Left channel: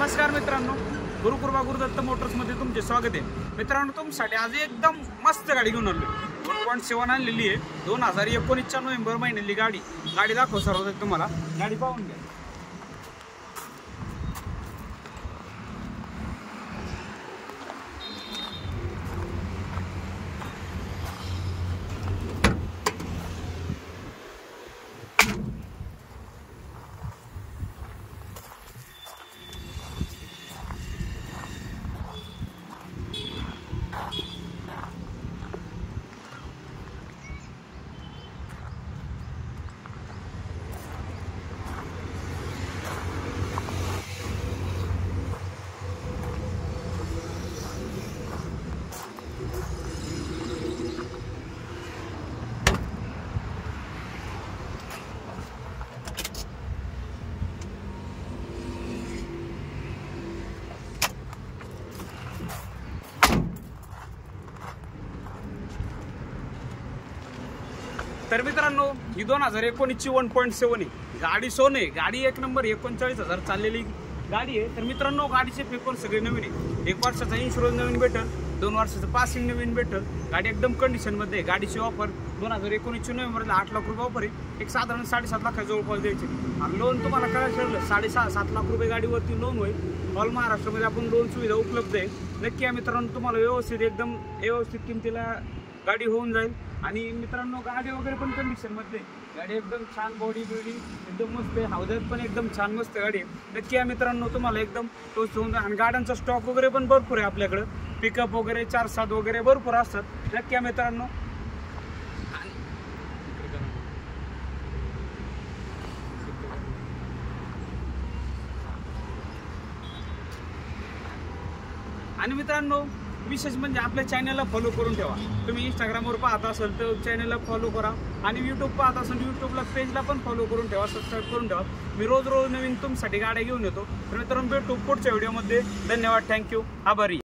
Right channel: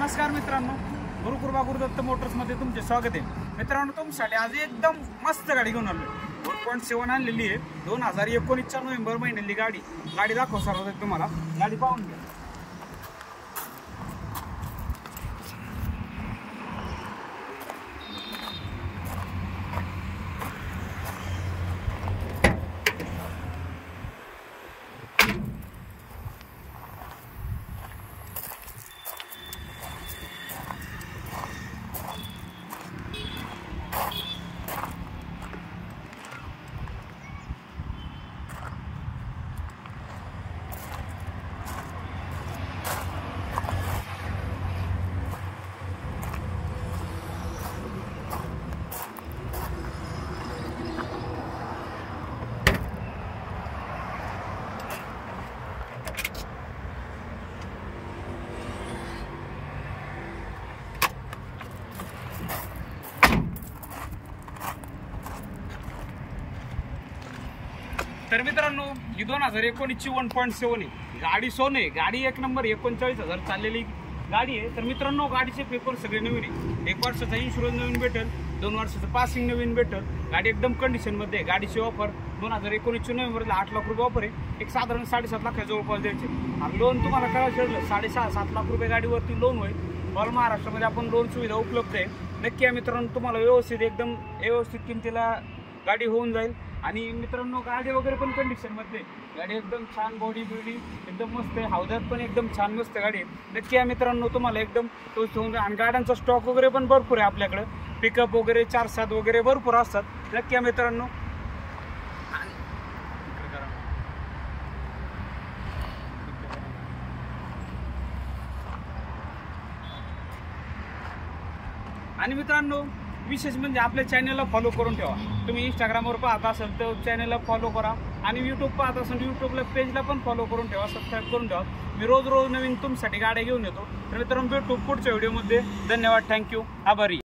नमस्कार मित्रांनो, गुरुकृपा गुरुदत्त मोटर्समध्ये तुमचे स्वागत आहे। मित्रांनो, तुमच्यासाठी आज एकदम मस्त गाडी घेऊन आलो। 1.7 आणलेली आहे। 2019च्या नोव्हेंबर महिन्यातली गाडी दाखव सर्वात तुम्हाला। गाडी पाहून घ्या। तर मित्रांनो, ही 2019ची 1.7 आहे। गाडी सोन आहे। गाडी एक नंबर 39,000 चाललेली गाडी आहे। तर मित्रांनो, गाडीचे पेपर सगळे नवीन आहे। 1 वर्षाचा इन्शुरन्स नवीन भेटेल, 2 वर्षाचं पासिंग नवीन भेटेल। गाडी एकदम कंडिशन मध्ये आहे। गाडीची ऑफर 2019 नोव्हेंबरला 8 लाख रुपये ऑफर आहे। एक साधारण 7.5 लाख जवळपास द्यायचे। आणि लोन तुम्हाला काय ठरलं 6.5-7 लाख रुपये गाडीवरती लोन होईल। ऑल महाराष्ट्रामध्ये आपण लोन सुविधा उपलब्ध आहे। नक्की आहे मित्रांनो, तुम्हाला एकदम व्यवस्थित किमतीला गाडी होऊन जाईल। आणि मित्रांनो, गाडी वगैरे पण कंडिशन मध्ये, गाडी एकदम छान, बॉडी एकदम मस्त आहे। हौदात पण एकदम छान मस्त गाडी आहे। नक्की आहे मित्रांनो, तुम्हाला एकदम तोच होऊन जाईल। आणि गाड्यांचा स्टॉक वगैरे पण भरपूर आहे आपल्याकडे। पिकअप वगैरे 4-7 वगैरे भरपूर असतात। नक्की आहे मित्रांनो। आणि मित्रांनो, विशेष म्हणजे आपल्या चॅनलला फॉलो करून ठेवा। तुम्ही इंस्टाग्रामवर पाहत असाल तर चॅनलला फॉलो करा। आणि यूट्यूब पाहत असाल यूट्यूबला पेजला पण फॉलो करून ठेवा, सबस्क्राईब करून ठेवा। मी रोज नवीन तुमच्यासाठी गाड्या घेऊन येतो। तर मित्रांनो, भेटू पुढच्या व्हिडिओमध्ये। धन्यवाद, थँक्यू, आभारी।